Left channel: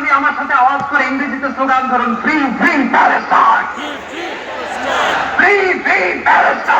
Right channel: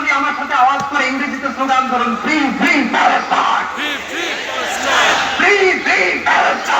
উনি আমার সাথে আওয়াজ করে ইংরেজিতে স্লোগান ধরুন free free Palestine free free Palestine